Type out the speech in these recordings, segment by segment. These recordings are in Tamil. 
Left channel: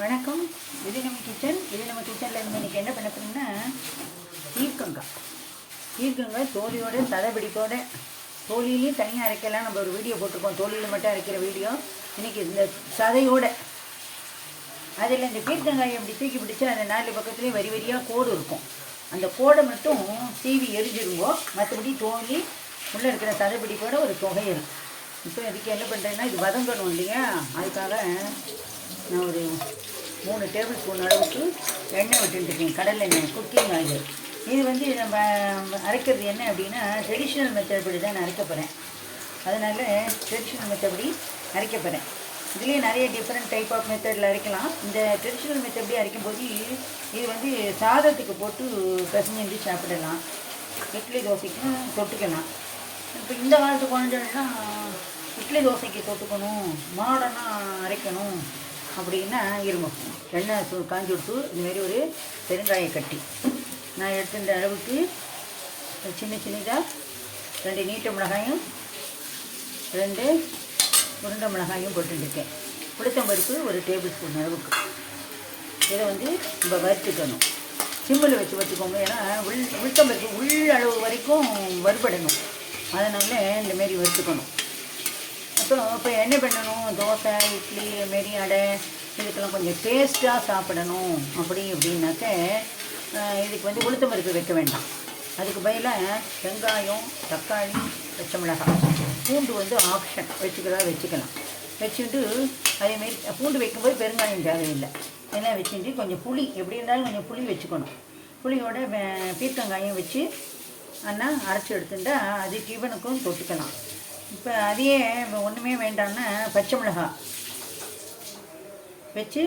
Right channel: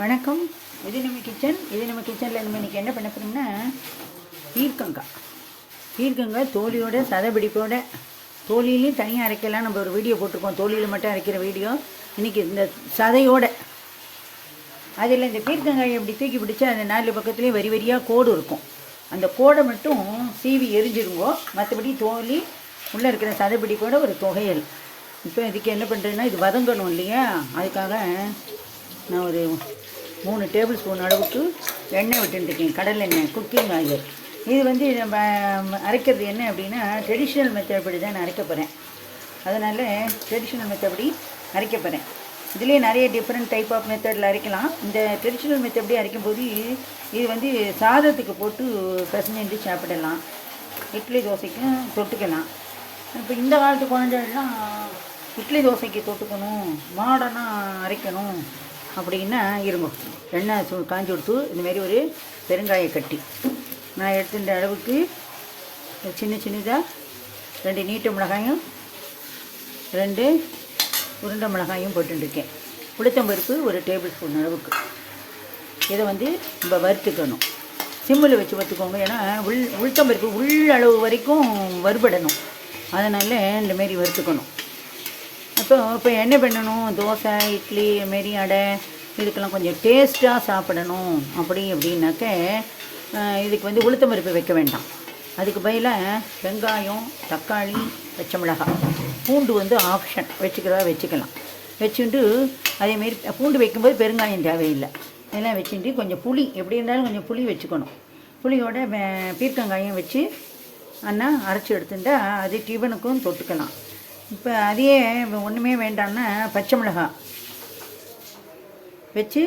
வணக்கம். இது நம்ம கிச்சனில் இன்றைக்கி என்ன பண்ண போகிறோம்னா பீர்க்கங்காய் தோலியோட சதைப்பிடிப்போட தோலியிலையும் தனியாக அரைக்கலாம். நம்ம ஒரு வீடியோ போட்டிருக்கோம் தோலியில் மட்டும் அரைக்கிற வீடியோ. இன்றைக்கி இந்த சதையோட அதில் இந்த பீர்க்கங்காயை அப்படி தூக்கி பிடிச்சா அந்த 4 பக்கத்துலேயும் வரி வரியாக கோடு இருக்கும். அந்த கோடை மட்டும் சீவி எரிஞ்சிருவோம். மற்றபடி தோலி உள்ளே இருக்கிற சதைப்பிடிப்போட ஒரு தொகையல். இப்போ இதுக்கு என்ன பண்ணுறதுன்னா இது வதங்கணும் இல்லையா, அதுக்காக நான் ஒரு 3 டேபிள் ஸ்பூன் அளவுக்கு எண்ணெய் விட்டுருக்கேன், கடலை எண்ணெய், குக்கிங் ஆயில். இது நம்ம அரைக்கிறது என்ன அப்படின்னா ட்ரெடிஷ்னல் மெத்தட் படி தான் நான் அரைக்க போகிறேன். அதனால் ட்ரெடிஷ்னல் மெத்தட் படி அரைக்க போகிறேன். இதுலேயே நிறைய டிஃப்ரெண்ட் டைப் ஆஃப் மெத்தடில் அரைக்கலாம். இந்த ட்ரெடிஷ்னல் மெத்தட் படி அரைக்கும்போது இது சாதத்துக்கு போட்டு பசஞ்சு சாப்பிடலாம், இட்லி தோசைக்கும் தொட்டுக்கலாம். இப்போ இந்த காலத்து குழந்தைகள்லாம் இட்லி தோசைக்கு தொட்டுக்கணும், மாடர்னாக அரைக்கணும் அப்படின்னா இருங்க. எண்ணெய் காஞ்சி கொடுத்து இந்தமாரி ஒரு பெருங்காயை கட்டி நான் எடுத்துட்ட அளவுக்கு சின்னதாக 2 நீட்ட மிளகாயும் 2 உருண்டை மிளகாயும் போட்டுருக்கேன். உளுத்தம்பருப்பு ஒரு டேபிள் ஸ்பூன் அளவுக்கு. இதை நம்ம வறுத்துக்கணும். சிம்மில் வச்சு வறுத்துக்கோங்க. ஏன்னா உளுத்தம்பருப்பு உள் அளவு வரைக்கும் வறுபடணும். அதனால் இந்தமாரி வறுத்துக்கணும். இப்போ என்ன பண்ணணும், தோசை, இட்லி, மாரி அடை இதுக்கெல்லாம் கொஞ்சம் டேஸ்ட்டாக சாப்பிடணும் அப்படின்னாக்க இதுக்கு உளுத்தம்பருப்பு வைக்க வேண்டாம். அதுக்கு பதிலாக வெங்காயம், தக்காளி, பச்சை மிளகாய், பூண்டு ஆப்ஷன் வச்சுக்கலாம். வச்சுட்டு அதேமாரி பூண்டு வைக்கும்போது பெருங்காயம் தேவையில்லை. எல்லாம் வச்சுட்டு கொஞ்சம் புளி, எப்படி இருந்தாலும் கொஞ்சம் புளி வச்சுக்கணும். புளியோட பீர்க்கங்காயம் வச்சு அண்ணா அரைச்சி எடுத்துட்டா அது டிஃபனுக்கும் தொட்டுக்கலாம். இப்போ அதையே ஒன்றுமே வேண்டாம்னா பச்சை மிளகாய் வச்சு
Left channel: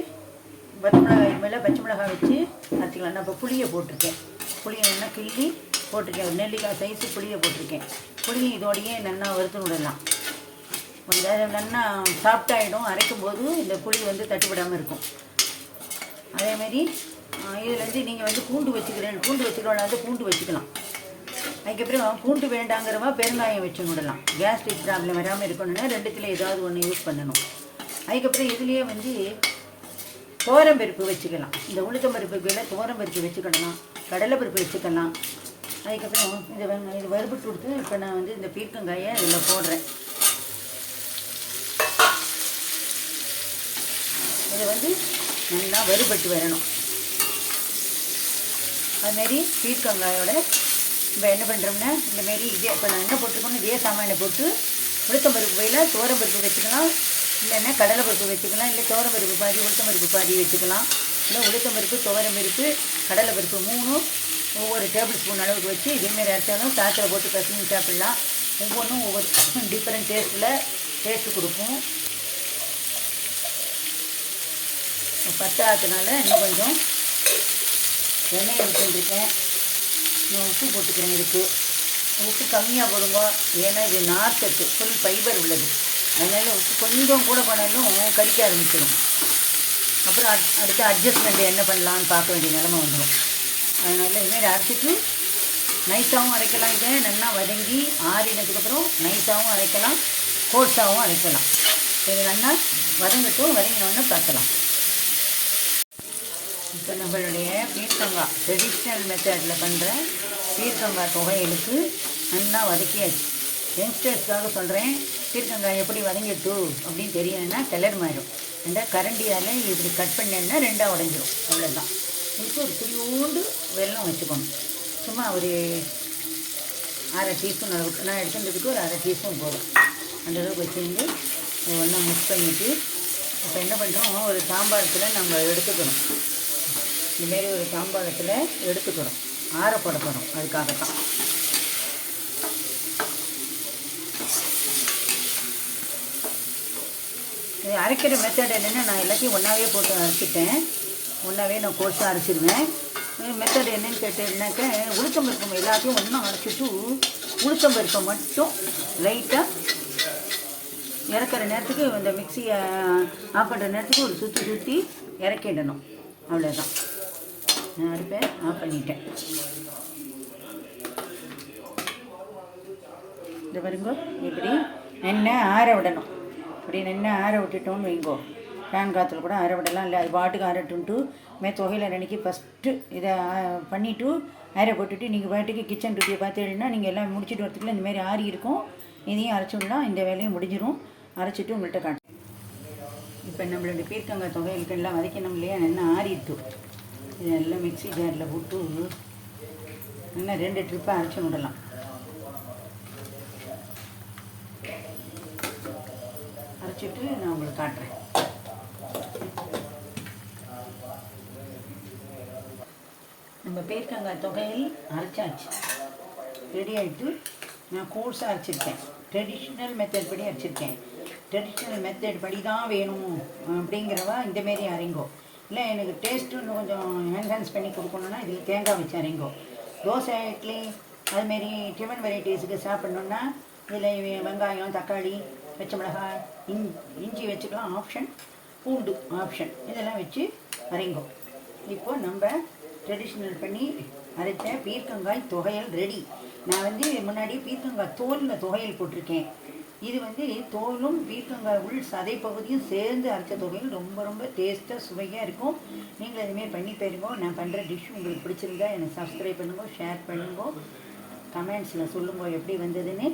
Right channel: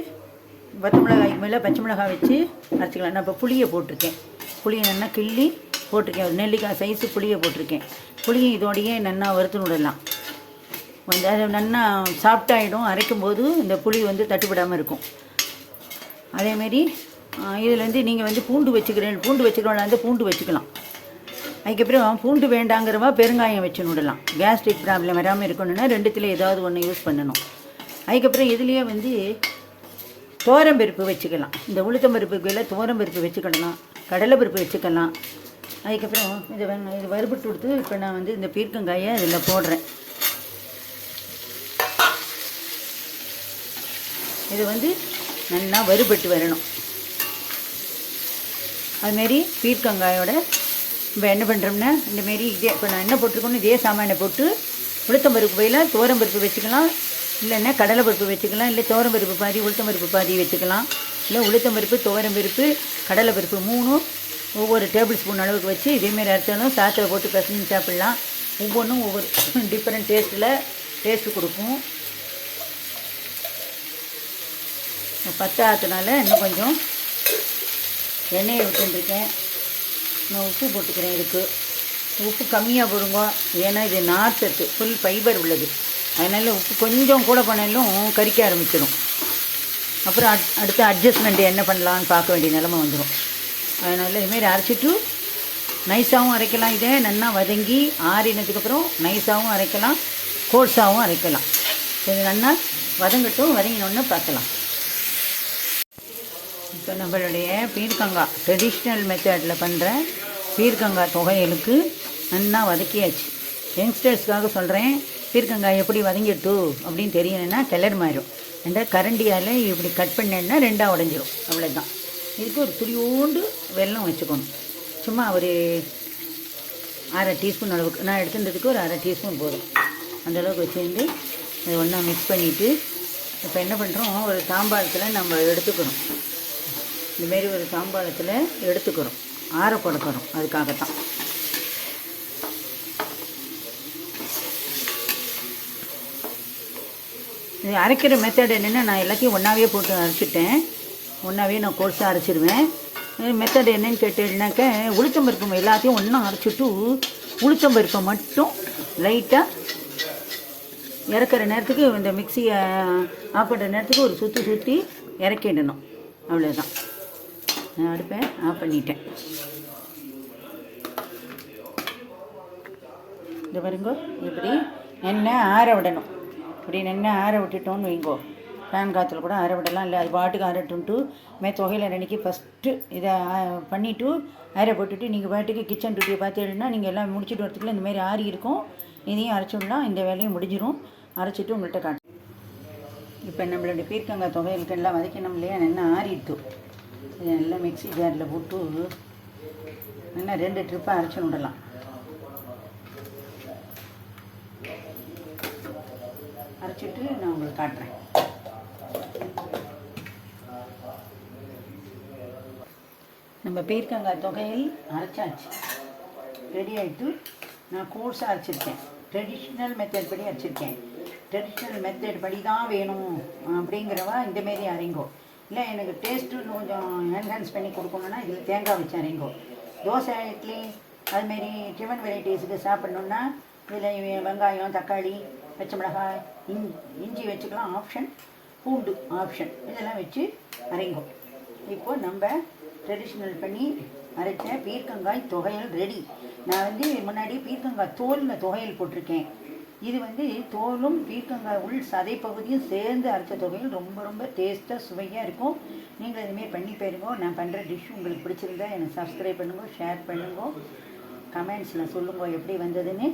மிளகாய்க்கு மேலே பச்சை மிளகாய் வச்சு அரைச்சிக்கலாம். நான் இப்போ புளியை போட்டிருக்கேன். புளியை நல்லா கிள்ளி போட்டிருக்கேன். ஒரு நெல்லிக்காய் சைஸு புளியை போட்டிருக்கேன். புளியை இதோடையே நல்லா வறுத்து விடலாம். கொஞ்சம் நல்லா சாஃப்டாகிடும். அரைக்கும்போது இந்த புளி தட்டுப்படாமல் இருக்கும். அதேமாரி இதில் நீங்கள் பூண்டு வச்சுக்கிறவங்க பூண்டு வச்சுக்கலாம். அதுக்கப்புறம் பூண்டு வேண்டாங்கிறவா பெருங்காயம் வச்சு விடலாம். கேஸ்ட்ரிக் ப்ராப்ளம் வராமல் இருக்கணும்னா 2த்தில் ஏதாவது ஒன்று யூஸ் பண்ணணும். அதுக்கப்புறம் இதுலேயே தோரம்பருப்பு வச்சுக்கலாம். இந்த உளுத்தம்பருப்புக்கு மேலே தோரம்பருப்பு வச்சுக்கலாம், கடலைப்பருப்பு வச்சுக்கலாம். அதுக்கப்புறம் இதை வறுபட்டு கொடுத்து இப்போ நான் இந்த பீர்க்கங்காயை இதில் போடுறேன். இது நல்லா வறுபட்டு வரணும். அதுமாரி பீர்க்கங்காயோட இப்போ என்ன பண்ணுறோம்னா இந்தமாரி இப்போ நான் என்ன போட்டிருக்கோன்னு இதே சாமானை போட்டு உளுத்தம்பருப்பு பயிலாக தோரம்பருப்பு வச்சுக்கலாம், இல்லைன்னா கடலைப்பருப்பு வச்சுக்கலாம், இல்லை தோரம்பருப்பு பாதி உளுத்தம்பருப்பு பாதி வச்சுக்கலாம். இல்லை உளுத்தம்பருப்பு, துவரம்பருப்பு, கடலைப்பருப்பு 3 ஒவ்வொரு டேபிள் ஸ்பூன் அளவுக்கு வச்சு இதேமாரி அரைச்சாலும் சாத்தில் போட்டு கசந்து சாப்பிட்லாம். ஒவ்வொன்றும் ஒவ்வொரு டிஃப்ரெண்ட் டேஸ்ட்டு கொடுக்கும். பத்தாததுனால இன்னும் கொஞ்சம் எண்ணெயை விட்டுருக்கேன். நான் உப்பு போட்டுக்கிறேன். உப்பு கம்மியாக போடுங்க, ஏன்னா இது நார்ச்சத்து, ஃபுல் ஃபைபர் உள்ளது. அதனால் உப்பு கொஞ்சம் கூட பண்ணாலும் கறிக்க ஆரம்பிச்சிடும். அப்புறம் அடுத்த அட்ஜஸ்ட்மெண்ட் என்ன பண்ணலான்னு பார்க்க வேண்டிய நிலமை வந்துடும். அதனால் இதுமாரி அரைச்சிட்டு நைஸாகவும் அரைக்கலாம். இதை நல்லா வதங்கி ஆறினதுக்கப்புறம் நைஸாகவும் அரைக்கலாம், கோர்ஸாகவும் அரைக்கலாம். இது நல்லா வதங்கினோன்னு பார்க்கலாம். இப்போ நம்மளுடைய பீர்க்கங்காய் ட்ரெடிஷ்னல் மெத்தடில் பண்ணுற பீர்க்கங்காய் தொகையலுக்கு நல்லா வதக்கியாச்சு. யங்ஸ்டர்ஸ்க்காக சொல்கிறேன், பீர்க்கங்காய் எப்படி வதங்கிட்டு அப்படின்னு தெரியணுன்னா கலர் மாறிடும். அந்த கரண்டியால் இப்படி கட் பண்ணேன்னா 2ஆக உடைஞ்சிடும். அவ்வளோதான். இதுக்கு ஒரு துளியோண்டு வெல்லம் வச்சுக்கணும். சும்மா ஒரு 1/2 டீஸ்பூன் அளவுக்கு, நான் எடுத்துன்றதுக்கு ஒரு 1/2 டீஸ்பூன் போதும். அந்தளவுக்கு வச்சுருந்து இது ஒன்றா மிக்ஸ் பண்ணிவிட்டு இப்போ என்ன பண்ணுறோம், ஒரு சாம்பாரத்தில் நம்ம எடுத்துக்கணும். இந்தமாரி ஒரு சாம்பாரத்தில் எடுத்துக்கிறோம், ஆறப்படப்படும். அதுக்காகத்தான் இது அரைக்கிற மெத்தட் என்னென்னா, நான் எல்லாத்தையும் ஒன்றாவே போட்டு அரைச்சிட்டேன். ஒன்றாவே நான் கோர்ஸாக அரைச்சிடுவேன். மெத்தட் என்னன்னு கேட்டீங்கன்னாக்க உளுத்தம்பருப்பு எல்லாத்தையும் ஒன்றா அரைச்சிட்டு உளுத்தம்பருப்பை மட்டும் லைட்டாக இறக்குற நேரத்துக்கு இந்த மிக்சியை ஆஃப் பண்ணுற நேரத்துக்கு ஒரு சுற்றி இறக்கிடணும். அவ்வளோதான். நான் அடுப்பை ஆஃப் பண்ணிட்டேன். இந்த பாருங்க, இப்படி எண்ணெய் ஆற விடணும். இப்படி எண்ணெய் ஆற விட்டுட்டோன்னு வைங்கோ, ஃபேன் காற்றுல கூட அரை விடலாம், இல்லை அது பாட்டுக்கு அரட்டுன்ட்டு துவையல் அன்றைக்கி ஃபஸ்ட்டு இதை பண்ணிவிட்டு அரை போட்டுட்டு நீங்கள் பாட்டுக்கு கிச்சன் டியூட்டியை பார்த்துக்கிட்டீங்கன்னா நீங்கள் எல்லாம் முடிச்சுட்டு வரத்துக்குள்ள இந்தமாரி ஆறி இருக்கும். இதையும் அரைச்சி விடலாம், இந்த வேலையும் முடிஞ்சிடும். அரைச்சிட்டு உங்கள்கிட்ட காட்டு. இப்போ நம்மளுடைய பீர்க்கங்காய் துவையலுக்கு எல்லாம் வதக்கணும் இல்லையா, நல்லா ஆறிட்டு இதை நல்லா மிக்ஸி ஜாரில் போட்டு நல்லா 2 ட்ரிப்பாக அரைச்சி விடலாம். அரைச்சிட்டு நான் உங்களுக்கு காட்டுறேன். நம்ம பீர்க்கங்காய் துவையல் அரைச்சாச்சு, ரெடி ஆகிட்டு. நான் கோர்ஸாக அரைச்சிருக்கேன், ட்ரெடிஷ்னல் மெத்தட் படி அரைச்சிருக்கேன். ட்ரெடிஷ்னல் மெத்தட் படி தான் வேணும் அப்படிங்கிறவா இந்தமாரி அரைங்கோ. இல்லை எனக்கு டேஸ்ட்டு இன்னும் கொஞ்சம் என்ஹான்ஸ் பண்ணி கொடுக்கணுன்னா இதில் தேங்காய் வச்சு அரைங்கோ. தோசை, இட்லி, அதுமாரி டிஃபன் வெரைட்டிஸுக்கு சாப்பிட்ணுன்னா இதில் வெங்காயம், தக்காளி, பச்சை மிளகாய், இஞ்சி வச்சுக்கலாம், ஆப்ஷன். பூண்டு ஆப்ஷன். இதெல்லாம் வச்சு அரைங்கோ. இப்போது நம்ம ட்ரெடிஷ்னல் பண்ணி அரைச்ச பீர்க்கங்காய் துவையல் ரெடி. நான் முன்னாடி பீர்க்கங்காய் தோலில் துவையல் போட்டிருக்கேன். இது தோலும் பீர்க்கங்காய் உள் சதை பகுதியும் சேர்ந்து அரைச்ச துவையல் ரொம்ப ரொம்ப டேஸ்ட்டாக சுவையாக இருக்கும். நீங்களும் இதுமாரி பண்ணி போயிருங்கோ. நான் பண்ணுற டிஷ் உங்களுக்கு பிடிச்சிருந்தா எனக்கு சப்ஸ்கிரைப் பண்ணுங்க, ஷேர் பண்ணுங்க, கமெண்ட்ஸில் சொல்லுங்க எப்படி வந்ததுன்னு.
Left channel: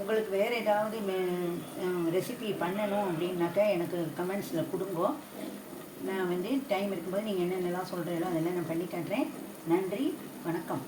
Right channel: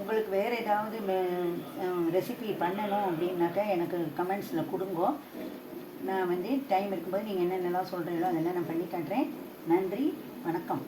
உங்களுக்கு வேறு ஏதாவது ரெசிபி பண்ணணும் அப்படின்னாக்கா எனக்கு கமெண்ட்ஸில் கொடுங்கோ. நான் டைம் இருக்கும்போது நீங்கள் என்னென்னலாம் சொல்கிறீங்களோ அதெல்லாம் நான் பண்ணி காட்டுறேன். நன்றி, வணக்கம்.